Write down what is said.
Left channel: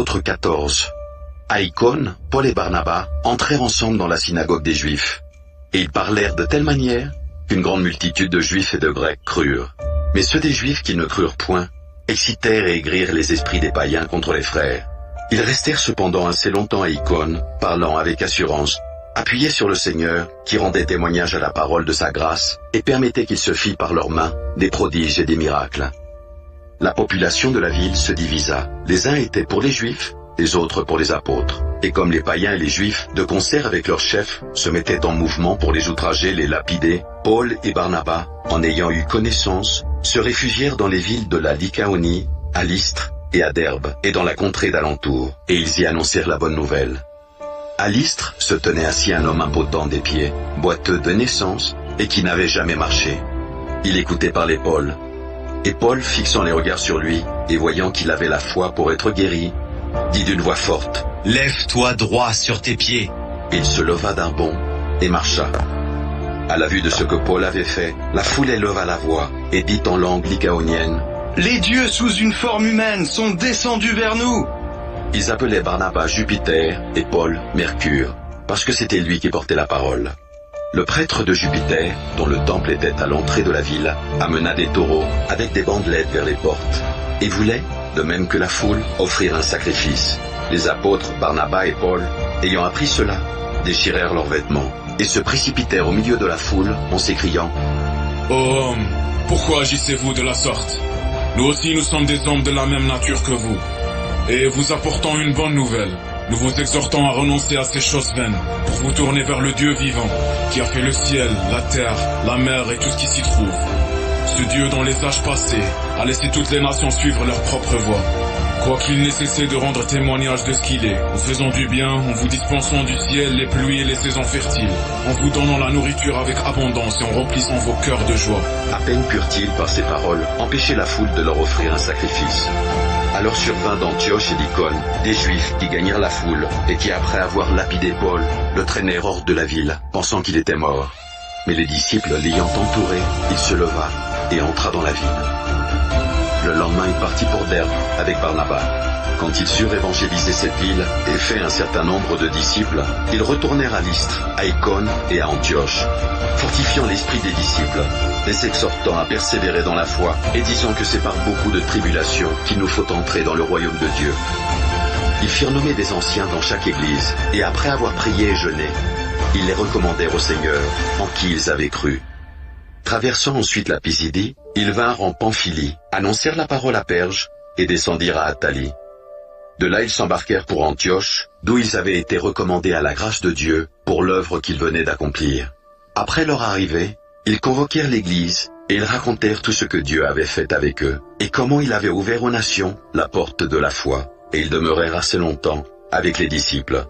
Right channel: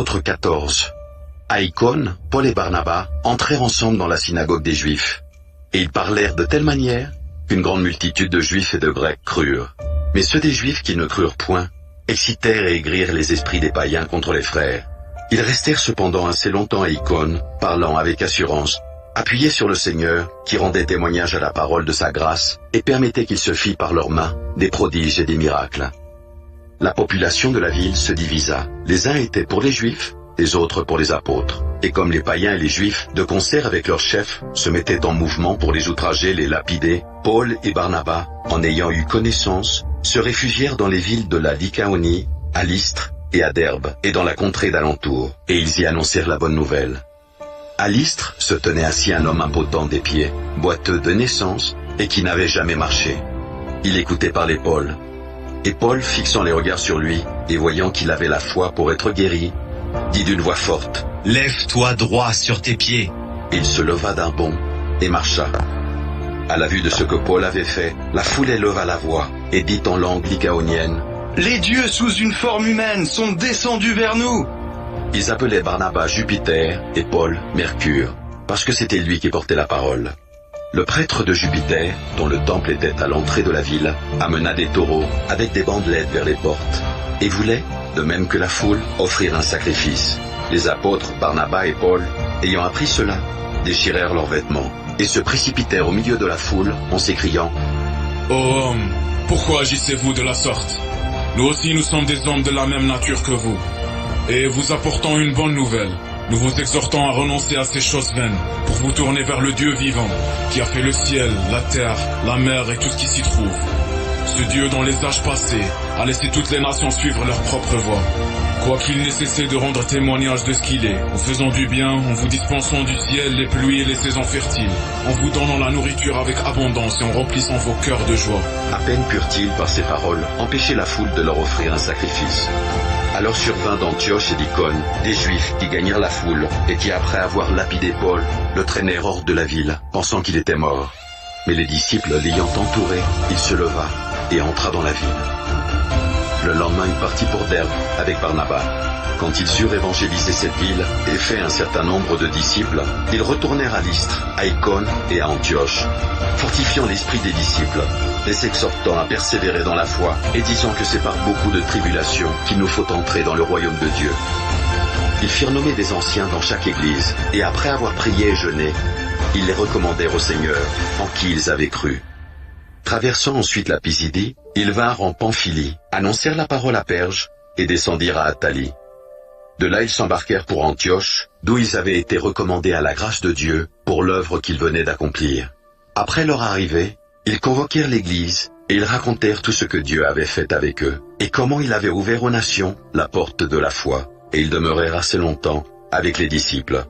Apôtres 14. À Icône, Paul et Barnabas entrèrent ensemble dans la synagogue des Juifs. Et ils parlèrent de telle manière qu'une grande multitude de Juifs et de Grecs crurent. Mais ceux des Juifs qui ne crurent point excitèrent et aigrirent les esprits des païens contre les frères. Ils restèrent cependant assez longtemps à Icône, parlant avec assurance, appuyés sur le Seigneur, qui rendait témoignage à la parole de sa grâce, et permettait qu'il se fît par leurs mains des prodiges et des miracles. La population de la ville se divisa. Les uns étaient pour les Juifs, les autres pour les apôtres. Et comme les païens et les Juifs, de concert avec leurs chefs, se mettaient en mouvement pour les outrager, les lapider, Paul et Barnabas, en ayant eu connaissance, se réfugièrent dans les villes de la Lycaonie, à Lystre et à Derbe, et dans la contrée d'alentour, et ils y annoncèrent la bonne nouvelle. À Lystre se tenait assis un homme impotent des pieds, boiteux de naissance, et qui n'avait jamais marché. Il écoutait parler Paul. Et Paul, fixant les regards sur lui, et voyant qu'il avait la foi pour être guéri, dit d'une voix forte, « Lève-toi droit sur tes pieds !» Il se leva d'un bond et marcha. À la vue de ce que Paul avait fait, la foule éleva la voix et dit en langue lycaonienne, « Les dieux sous une forme humaine sont descendus vers nous !» Ils appelaient Barnabas Jupiter et Paul Mercure, parce que c'était lui qui portait la parole. Le prêtre de Jupiter, dont le temple était à l'entrée de la ville, amena des taureaux avec des bandelettes vers les portes, et voulait, de même que la foule, offrir un sacrifice. Les apôtres Barnabas et Paul, ayant appris cela, déchirèrent leurs vêtements, et se précipitèrent au milieu de la foule en s'écriant, « Ô hommes, pourquoi agissez-vous de la sorte? Nous aussi nous sommes des hommes de la même nature que vous. Et vous apportant une bonne nouvelle, nous vous exhortons à renoncer à ces choses vaines, pour vous tourner vers le Dieu vivant, qui a fait le ciel, la terre, la mer et tout ce qui s'y trouve. Ce Dieu dans les âges passés a laissé toutes les nations suivre leur propre voie. Quoiqu'il n'ait cessé de rendre témoignage de ce qu'il est, en faisant du bien, en vous dispensant du ciel les pluies et les saisons fertiles, en vous donnant la nourriture avec abondance et en remplissant vos cœurs de joie. » À peine purent-ils par ces paroles empêcher la foule de leur offrir un sacrifice. Alors survint d'Antioche et d'Icône des Juifs qui gagnèrent la foule et qui, après avoir lapidé Paul, le traînèrent hors de la ville, pensant qu'il était mort. Mais les disciples l'ayant entouré, il se leva et entra dans la ville. Le lendemain, il partit pour Derbe avec Barnabas. Quand ils eurent évangélisé cette ville et fait un certain nombre de disciples, ils retournèrent à Lystre, à Icône et à Antioche, fortifiant l'esprit des disciples, et s'exhortant à persévérer dans la foi, et disant que c'est par beaucoup de tribulations qu'il nous faut entrer dans le royaume de Dieu. Ils firent nommer des anciens dans chaque église, et après avoir prié et jeûné, ils les recommandèrent au Seigneur, en qui ils avaient cru. Traversant ensuite la Pisidie, ils vinrent en Pamphylie, annoncèrent la parole à Perge, et descendirent à Attalie. De là ils s'embarquèrent pour Antioche, d'où ils avaient été recommandés à la grâce de Dieu pour l'œuvre qu'ils venaient d'accomplir. Après leur arrivée, ils convoquèrent l'Église, et ils racontèrent tout ce que Dieu avait fait avec eux, et comment il avait ouvert aux nations la porte de la foi, et ils demeurèrent assez longtemps avec les disciples.